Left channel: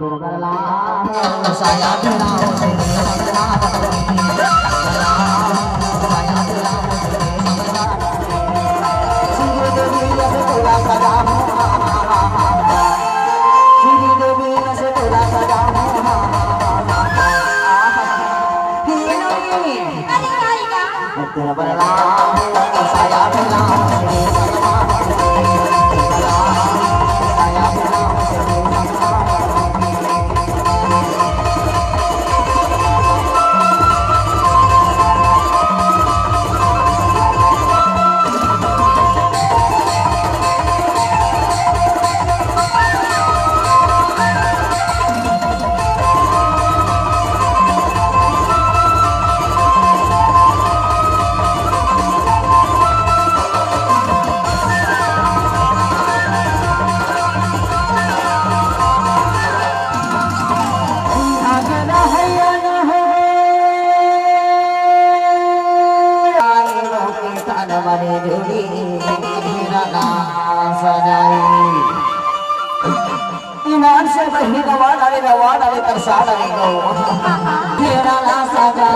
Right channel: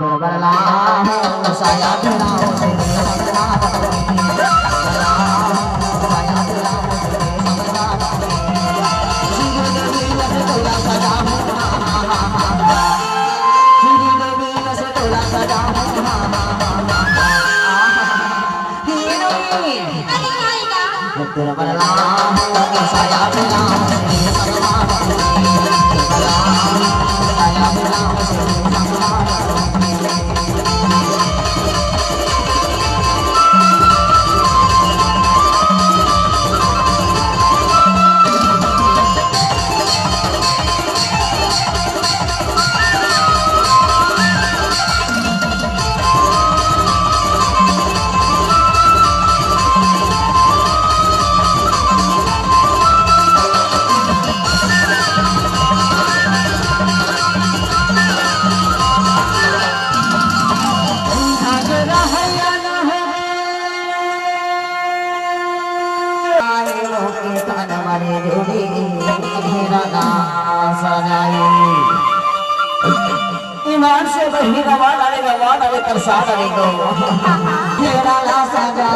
बदला हो साया बदला हो बदला बदला साया बदला हो बदला श्री देवी से तेरा सजा हो श्री देवी से तेरा सजा हो तेरा बदला हो साया बदला हो ईमान से बही रवान आले प्रसाद आले गौ तेरा ला सजा